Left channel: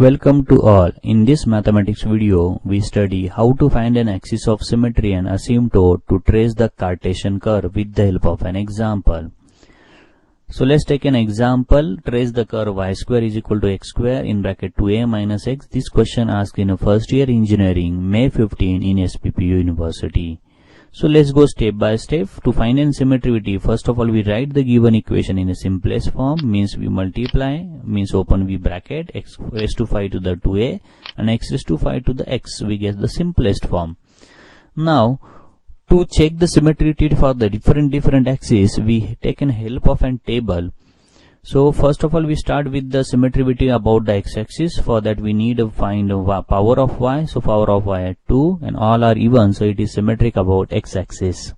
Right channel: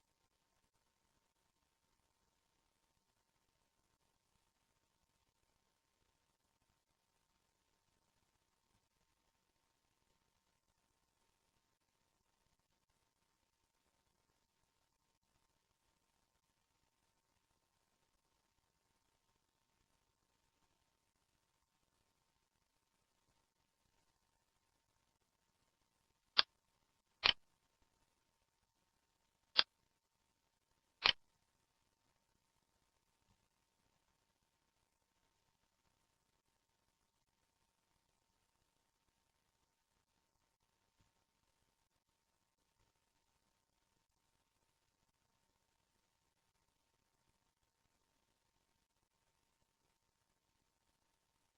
Welcome to all. In this mathematics video, we study how to find an axis of symmetry and asymptote to trace the Cartesian curve with the help of an example. So let's take an example. Trace the curve y square is equal to x square in bracket 2a minus x. This question asked in a first year engineering, May 15 in SPPU University. So let's go step by step. To find an symmetry, first of all we write the given equation in a simplest form, means we multiply, means open V bracket, x raised to 5 to the 2a and x raised to 5 to the x, we get the simplest form. Now to check the symmetry for the different axes, we take an help of an table. So first of all we start with the symmetry about the x-axis. For that we need to find power of y. So power of y at 2 and all are even, so it is symmetric about x-axis.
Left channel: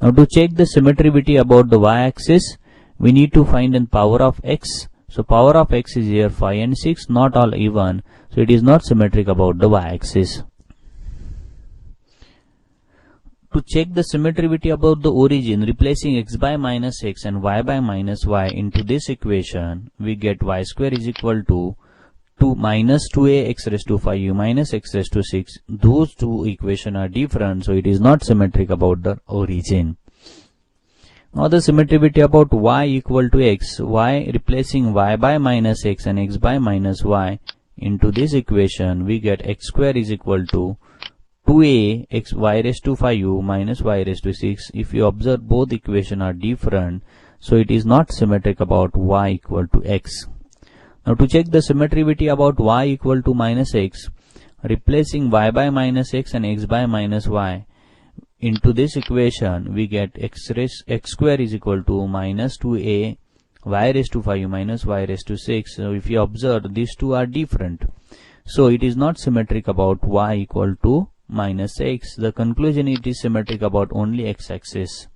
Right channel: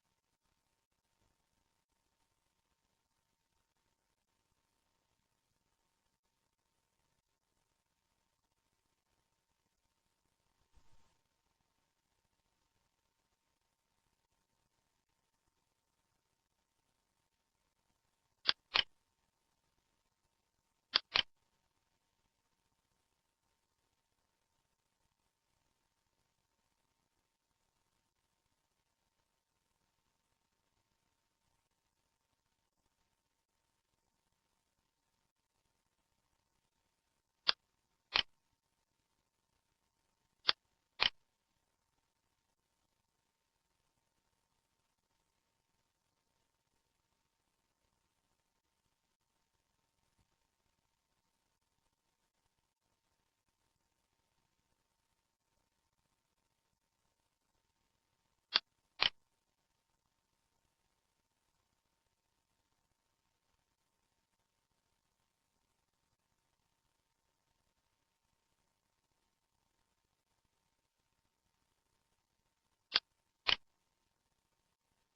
Now to check the symmetry about the y-axis, we need to find an power of x. So power of x is here 5 and 6, not all even, so it is not symmetric about the y-axis. To check the symmetry about the origin, replacing x by minus x and y by minus y into this equation, we get y square is equal to 2 minus 2a x raised to 5u minus x raised to 6. Those two equations are different, so it is not symmetric about the origin. Now the symmetry about y equal to x, y replacing y by minus x and x by minus y into this equation, we get x square is equal to 2a x y raised to 5u minus y raised to 6. If you observe, both equations are different, so it is not symmetric about y equal to x. Now to check the symmetry about y equal to minus x, replacing y by minus x and x by minus y into this equation, we get x square is equal to minus 2a y raised to 5u minus y raised to 6. So if you observe, these two are different, so it is not symmetric about y equal to minus x. The conclusion, it is symmetric about only x-axis.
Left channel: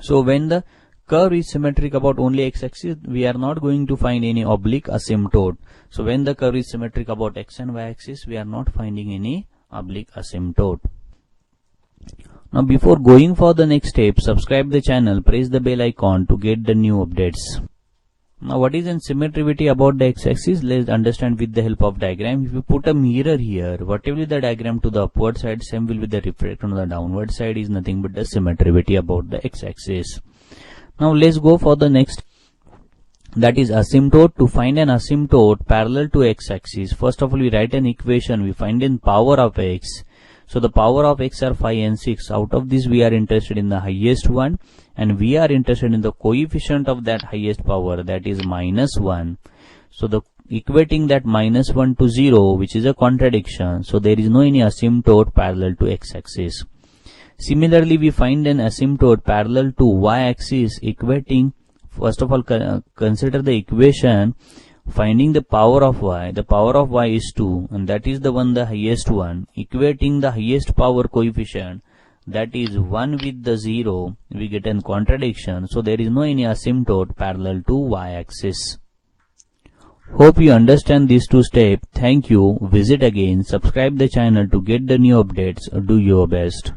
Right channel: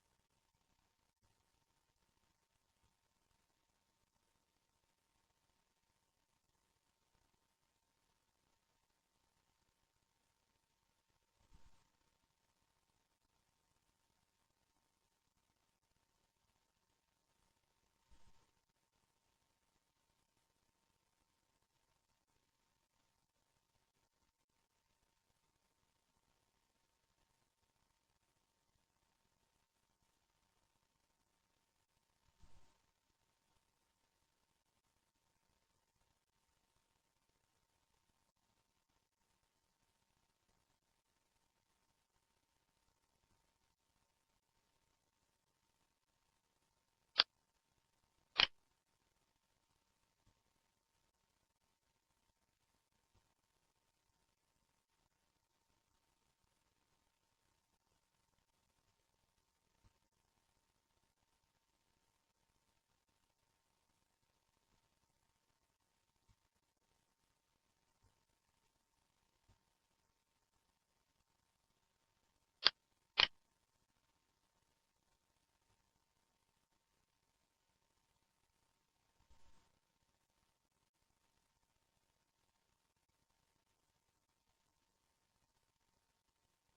So when the curve is symmetric about only x-axis, we are not going to find any oblique asymptote. So when the curve is symmetric about x and y-axis, we are not finding any oblique asymptote. Now before going for the next step, subscribe the channel, press the bell icon to get the new updates. Now what is in symmetry about the x-axis? Let's understand with the help of diagram. If you put a mirror here, whatever is the diagram to the upward side, same will be the reflection on the downward side, is nothing but the symmetry about the x-axis. Now let's go for the next, that is asymptote. To find an asymptote parallel to x-axis, first of all we write an equation, we find in power of x. So the power of x are 5 and 6. Out of this we are interested in the highest one, and we are interested in the coefficient of that highest power, that is minus 1. So the equating that minus 1 to 0, which is a contradiction, so there is no any asymptote parallel to x-axis. Similarly, we find an asymptote parallel to y-axis equating, first of all consider the equation, finding the power of y. The power of y is 2, and that is the one, the highest one, equating the highest power coefficient, that is 1 with the 0, we get a contradiction, so there is no any asymptote parallel to y-axis. Hope you understand these two steps. Thank you. Visit again, subscribe the channel to get the new updates. Do your best.